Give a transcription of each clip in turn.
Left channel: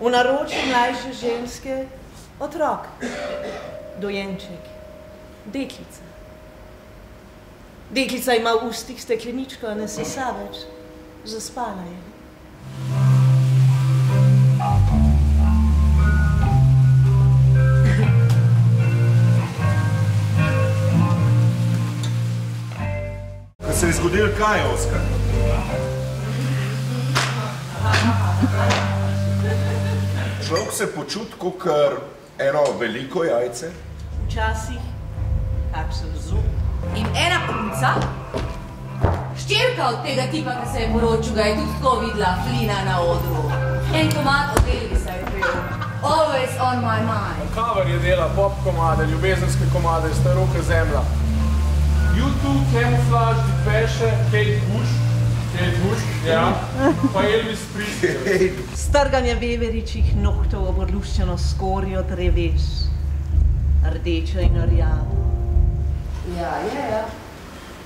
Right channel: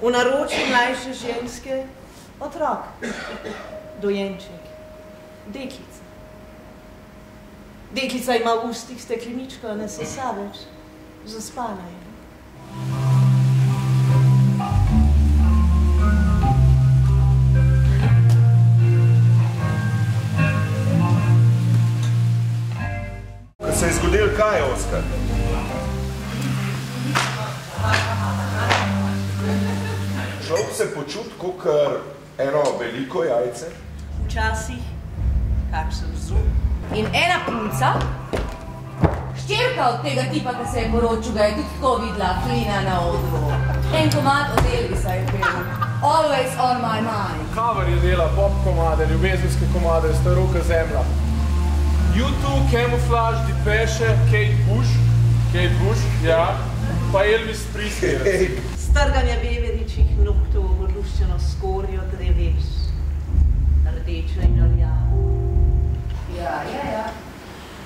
V naročju mlajše ženske otrok, dojenček, deklica. Deklica ima v ustih stekleničko, a ne sesa več. Zaspala je. Se je zgodil kaj, Oskar? Človek se počuti, kakor eno veliko jajce. Včasih, kak sem zub. In ena punca, ščerka od tega tipa, ki se je poročil, ga je tudi tako videla Flina na odru. En komad od Elvisa je bil. Always on my mind. Cover je dela pop komade, ljubezenske komade, staroka zemlja. U2, Camouflage, Depeche, Kate Bush, ja, pa Elvis Presley. Strganje veveričih nohtov ob odluščeno skorjo dreves, rdečo in rjavo. Ja,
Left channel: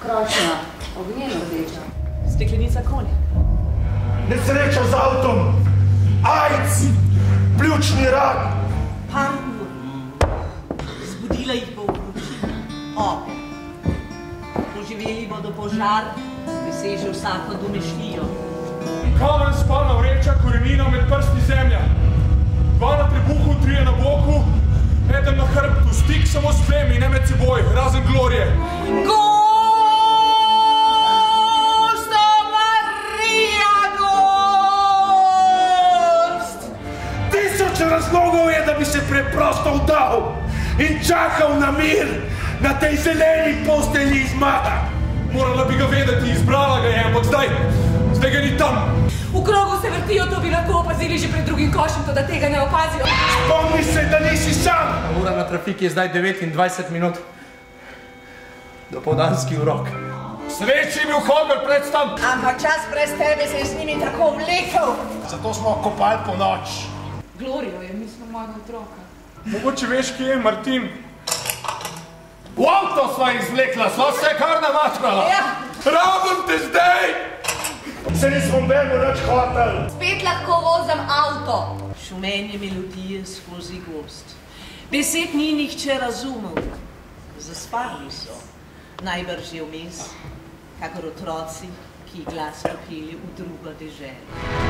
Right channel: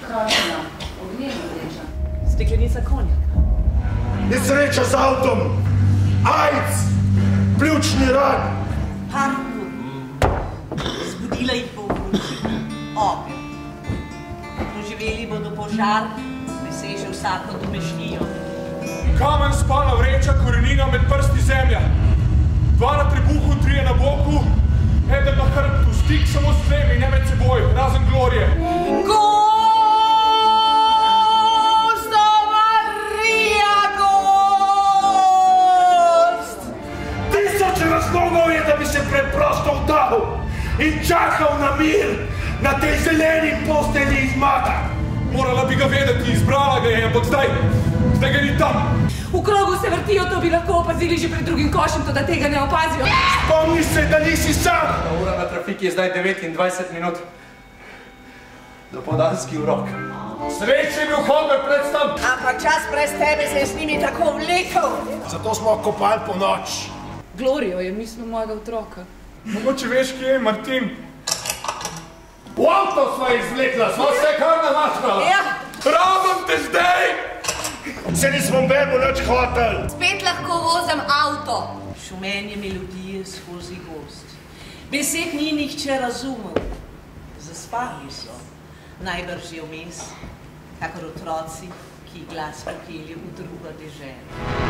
kročna, ognjeno rdeča. Steklenica konjaka. Nesreča z avtom, AIDS, pljučni rak. Parkour. Zbudila jih bo vročina, ogenj. Doživeli bodo požar, priseže vsako domišljijo. Kamen spalna vreča, korenina med prsti zemlja. 2 na trebuhu, 3 na boku, eden na hrbtu, stik samo s tlemi, ne med seboj, razen glorije. Gosto Marija, gost! 1000 razlogov je, da bi se preprosto vdal in čakal na mir na tej zeleni postelji iz maka. Morala bi ga vedeti, izbrala ga je, ampak zdaj ga ni tam. V krogu se vrtijo, to bi lahko opazili že pred drugim košem, to da tega ne opazijo. Spomni se, da nisi sam. Ura na trafiki je zdaj 29 minut. Dopoldanski urok. Sreč je bil Holger predstan. Ampak čas brez tebe se je z njimi tako vlekel. Zato smo kopali po noč. Glorijo je mislil mojega otroka. Mogoče veš, kje je Martin? V avto sva izvlekla, sva se kar namačkala. Ja. Rabim te zdaj! Se nismo bemo nič hotel. Spet lahko vozim avto. Šumenje melodije skozi gozd. Besed ni nihče razumel. Zaspali so, najbrž je vmes, kakor otroci, ki glasno peli v drugo deželo.